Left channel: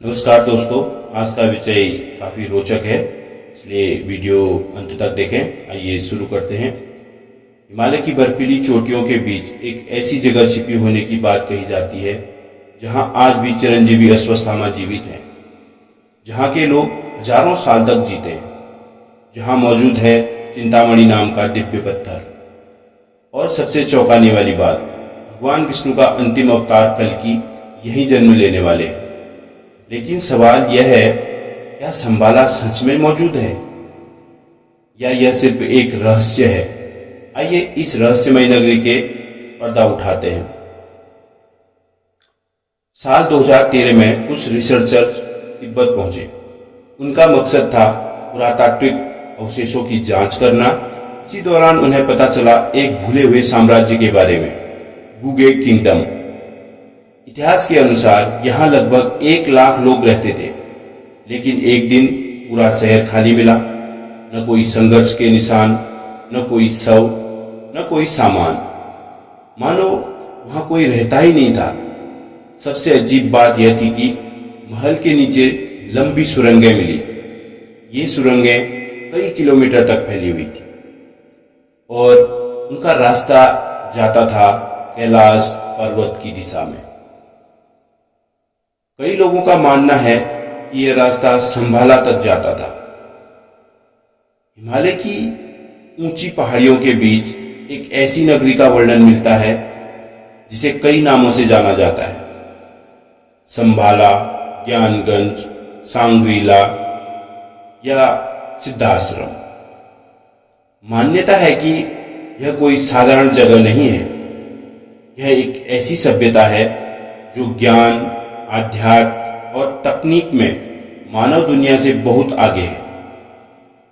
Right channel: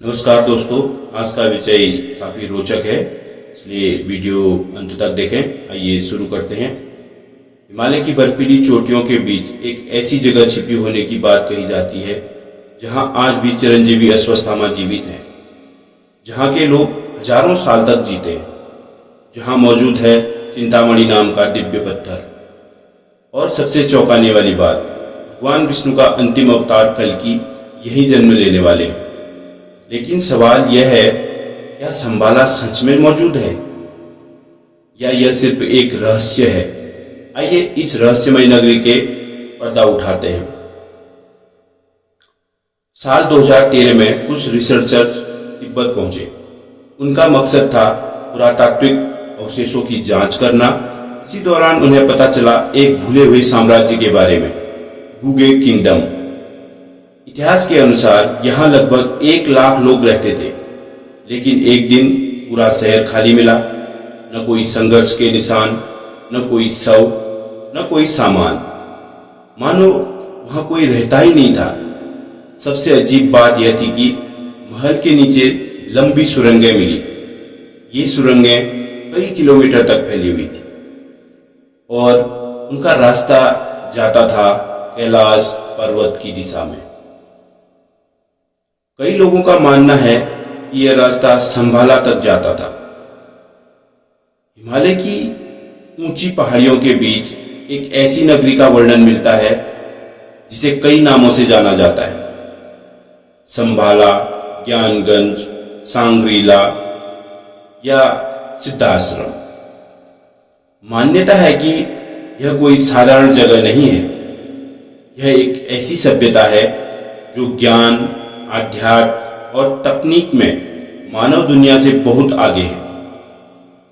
नमस्कार दोस्तों, आज का विषय काफ़ी रोचक है, इसलिए वीडियो अंत तक देखें। आइए शुरू करते हैं। हिमालय की बर्फीली चोटियों के बीच एक ऐसी जगह छिपी होने की बात कही जाती है जहां आज भी चिरंजीवी अश्वत्थामा जीवित हैं, जहां के लोग हजारों साल तक जीते हैं, जहां मौजूद है चिंतामणि नाम का दिव्य पत्थर। और सबसे चौंकाने वाली बात, भगवान विष्णु का अंतिम अवतार कल्कि यहीं जन्म लेने वाले हैं। लेकिन सवाल यह है, क्या संबाला सच में मौजूद है या यह सिर्फ एक रहस्य है? आइए इस रहस्यमय नगरी के पर्दा उठाते हैं। साल 2013 में कुछ रिसर्चर्स तिब्बत पहुंचे। उनका मकसद था पुरातात्विक अवशेषों की जांच करना। इसी दौरान उन्हें पता चला एक भूले हुए साम्राज्य के बारे में, गुगे किंगडम। इतिहास के अनुसार यहाँ लगभग 1 लाख लोग रहते थे, लेकिन एक दिन पूरा शहर खाली मिला। न कोई संघर्ष के निशान, न कोई शव, न कोई सामान, मानो वहां कोई रहता ही नहीं था। सबसे अजीब बात यह थी कि महल के नीचे लंबी सुरंगें मिली। ये सुरंगें कई किलोमीटर तक फैली हुई थी और उनका रास्ता जाता था कैलाश पर्वत की दिशा में। कई लोगों का मानना है कि यह रास्ता संभाला तक जाता था। हिमालय की ऊंची पहाड़ियों के बीच एक ऐसी नगरी का वर्णन मिलता है जिसे कई नामों से जाना जाता है: संभाला, ज्ञानगंज, सांग्रीला या सिद्धाश्रम। मान्यता है कि यह कोई साधारण जगह नहीं है। यह एक ऐसी सभ्यता है जो ज्ञान, आध्यात्म और तकनीक में मानव दुनिया से बहुत आगे है।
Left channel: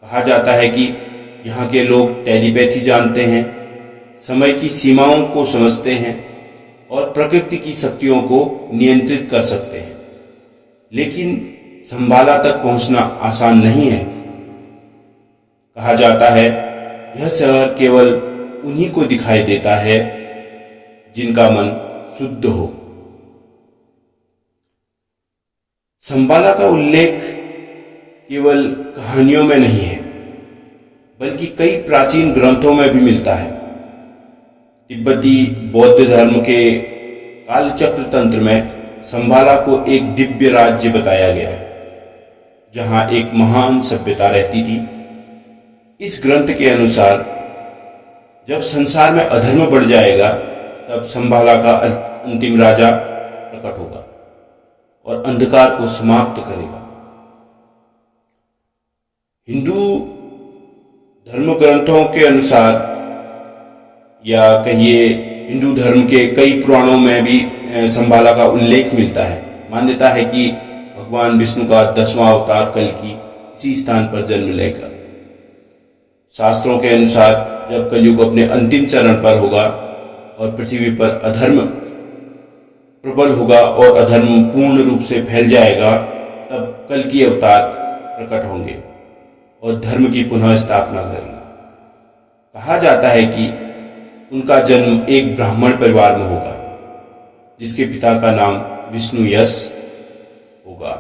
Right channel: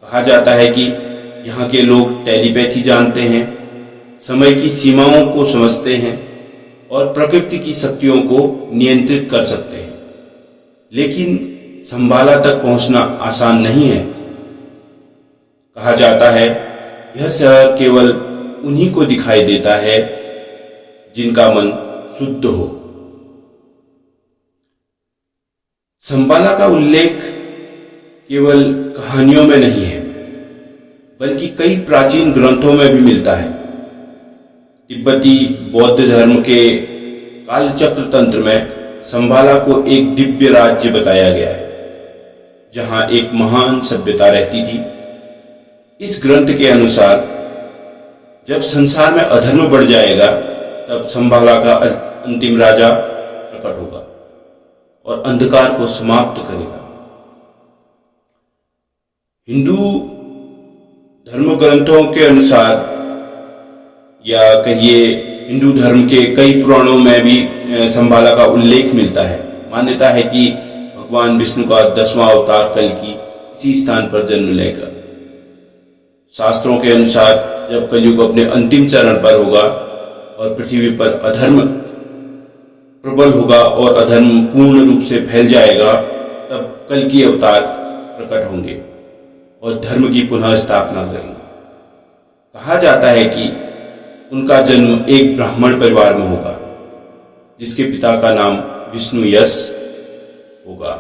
कहा जाता है कि यहाँ के लोग टेलीपैथी जानते हैं, समय की सीमाओं को समझते हैं और प्रकृति की शक्तियों को नियंत्रित कर सकते हैं। लेकिन संभाला तक पहुंचना आसान नहीं है। कहा जाता है यह शहर केवल उन्हीं को दिखाई देता है जिनका मन शुद्ध हो। संबाला का उल्लेख केवल कहानियों में नहीं है, बल्कि कई प्राचीन ग्रंथों में भी मिलता है। तिब्बती बौद्ध धर्म के कालचक्र तंत्र में संबाला को एक दिव्य राज्य बताया गया है, जहां एक महान सभ्यता रहती थी। इस ग्रंथ के अनुसार जब संसार में अधर्म बढ़ जाएगा, तब संबाला का अंतिम राजा प्रकट होगा और अंधकार को समाप्त करेगा। हिंदू धर्म ग्रंथों के अनुसार, या कहिए हिंदू धर्म के कई पुराणों में भी संबाला का उल्लेख मिलता है। मान्यता है कि भगवान विष्णु का 10वां अवतार कल्कि इसी स्थान पर जन्म लेगा। शास्त्रों के अनुसार जब कलयुग अपने अंतिम चरण पर होगा और पृथ्वी पर अधर्म प्रबल होगा और अधर्म पूर्ण रूप से फैल जाएगा, तब कल्कि अवतार प्रकट होंगे और धर्म की पुनः स्थापना करेंगे। कहा जाता है कि उनका जन्म एक ब्राह्मण परिवार में होगा, जिसके पिता का नाम विष्णु यश होगा।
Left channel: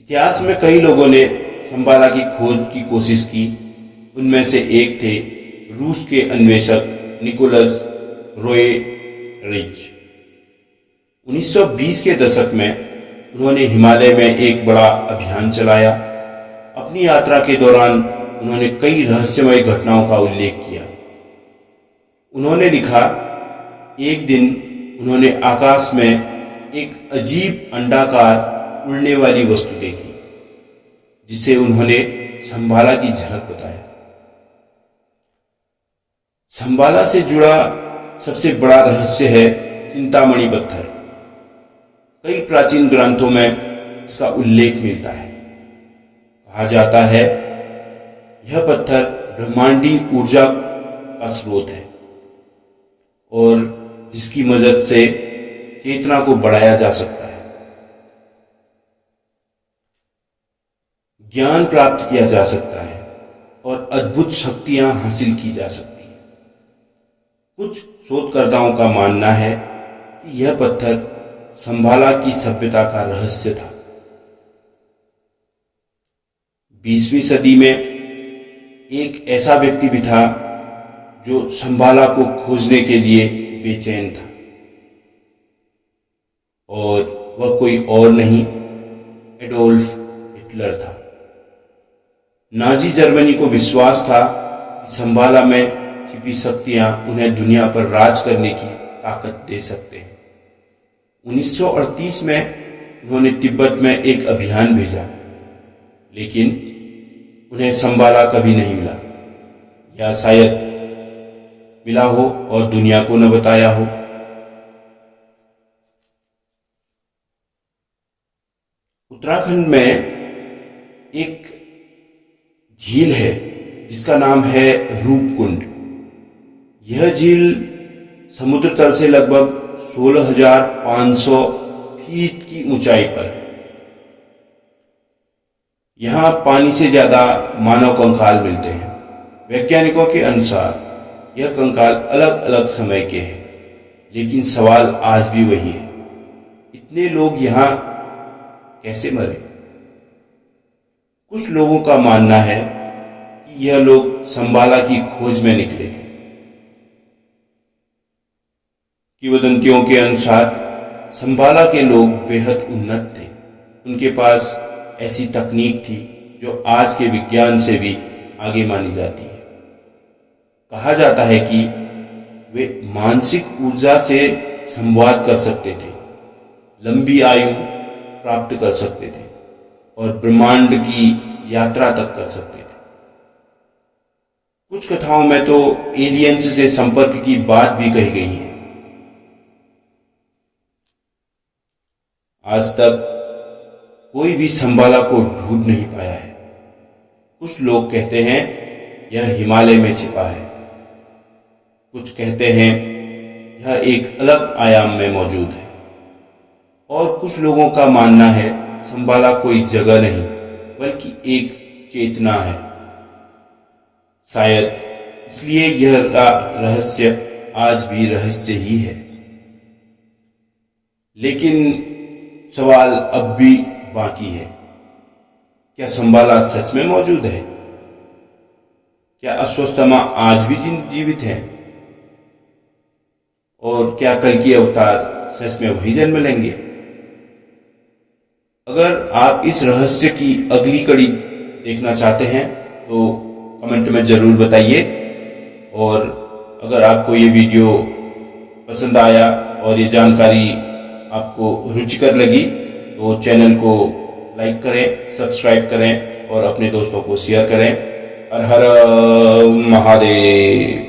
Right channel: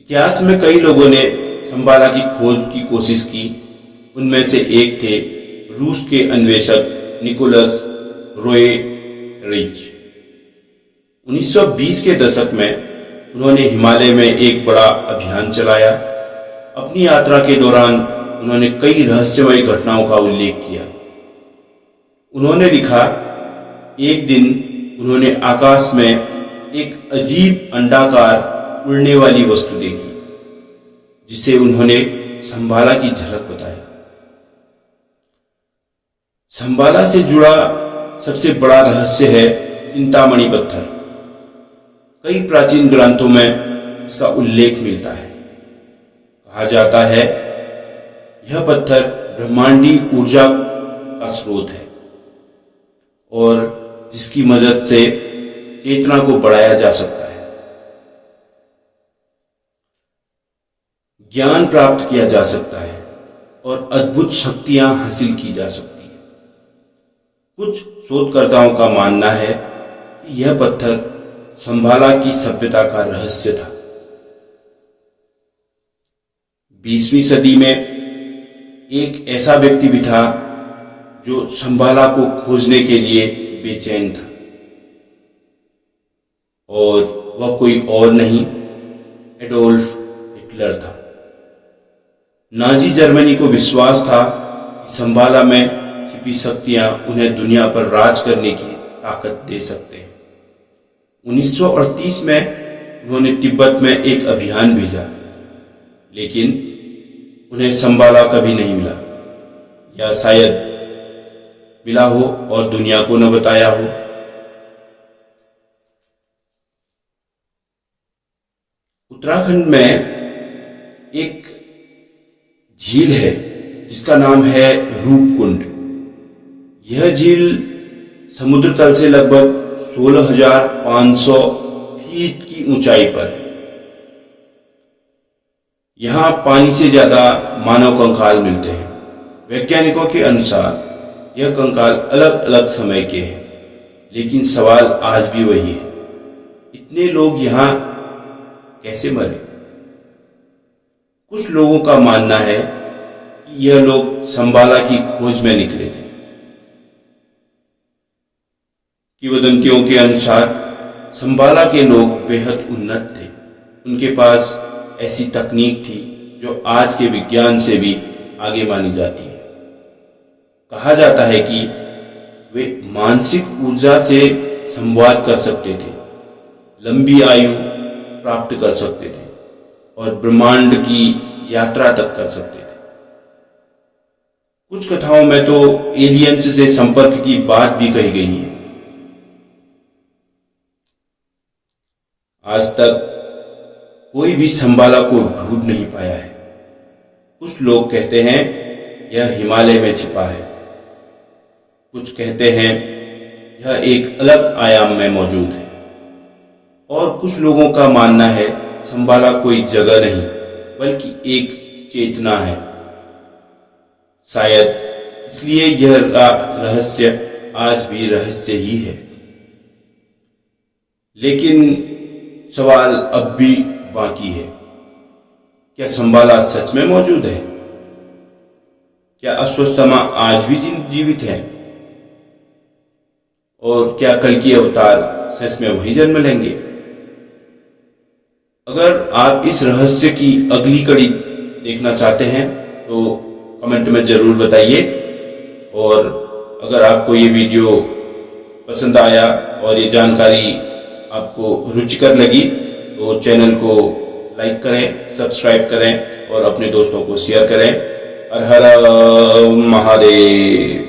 इतिहास में कई लोगों ने संबाला की खोज की कोशिश की। उनमें से एक थे रूस के अन्वेषक निकोलस रोएरिच। 1920 के दशक में उन्होंने हिमालय में एक बड़ा अभियान चलाया। अपनी यात्रा के दौरान उन्होंने कई रहस्यमय घटनाओं का उल्लेख किया। उन्होंने लिखा, एक दिन उन्होंने आकाश में एक अजीब अंडाकार उड़ने वाली वस्तु देखी, जिसे उन्होंने संबाला की झलक बताया। संबाला से जुड़ा सबसे बड़ा रहस्य है चिंतामणि पत्थर। कई प्राचीन ग्रंथों में इसका उल्लेख मिलता है। कहा जाता है यह पत्थर ब्रह्मांडी ऊर्जा का स्रोत है और जिसकी मदद से चेतना को बढ़ाया जा सकता है, ज्ञान प्राप्त किया जा सकता है और अद्भुत शक्तियां हासिल की जा सकती हैं। कुछ शोधकर्ताओं का मानना है कि यह पत्थर संभाला की सभ्यता का रहस्य था। 20वीं सदी में एक ऐसा व्यक्ति भी था जो संभाला को खोजने के लिए बेचैन था, और वह कोई और नहीं, एडोल्फ हिटलर था। नाजी जर्मनी को विश्वास था कि संभाला में छिपी शक्तियां उन्हें दुनिया पर राज करने की ताकत दे सकते हैं। 1938 में उन्होंने तिब्बत में एक अभियान भेजा, लेकिन उन्हें संभाला कभी नहीं मिला, या शायद मिला हो और दुनिया को न बताया हो। उत्तराखंड में एक झील है जिसका नाम है रूपकुंड। यह झील समुद्र तल से लगभग 16,500 फीट की ऊंचाई पर है। यहां पानी से ज्यादा मानव कंकाल मिलते हैं। वैज्ञानिकों के अनुसार यह कंकाल अलग अलग समय के हैं, लेकिन सवाल आज भी वही है, इतने लोग यहां कैसे मरे? कुछ लोगों का मानना है कि यह लोग संभाला की खोज में निकले थे। किंवदंतियों के अनुसार संभाला के लोग बेहद उन्नत थे। उनके पास ऐसी तकनीक थी जो आज के विज्ञान से भी आगे मानी जाती है। कहा जाता है कि वे मानसिक ऊर्जा से संवाद कर सकते थे, लंबी आयु प्राप्त कर सकते थे और ब्रह्मांड की यात्रा तक कर सकते थे। कुछ कथाओं में तो एलियंस से संपर्क की बात भी कही गई है। आज तक कोई भी संभाला को ढूंढ नहीं पाया है। कुछ लोग कहते हैं यह हिमालय में छिपा है, कुछ कहते हैं यह एक अलग आयाम में मौजूद है, और कुछ लोगों का मानना है संभाला कोई जगह नहीं बल्कि एक चेतना है। शायद इसलिए यह रहस्य आज भी रहस्य ही है। लेकिन सवाल अब भी बाकी है, क्या संभाला सच में मौजूद है? क्या अश्वत्थामा आज भी जीवित है? और क्या कल की अवतार सच में वही जन्म लेंगे? अगर आप इस रहस्य की अगली कड़ी देखना चाहते हैं तो कमेंट में जरूर बताइए, और अगर आपको ये वीडियो पसंद आया और ये जानकारी आपको रुचिकर लगी तो चैनल को लाइक करें, सब्सक्राइब करें और अपने दोस्तों को शेयर करें। हर हर महादेव।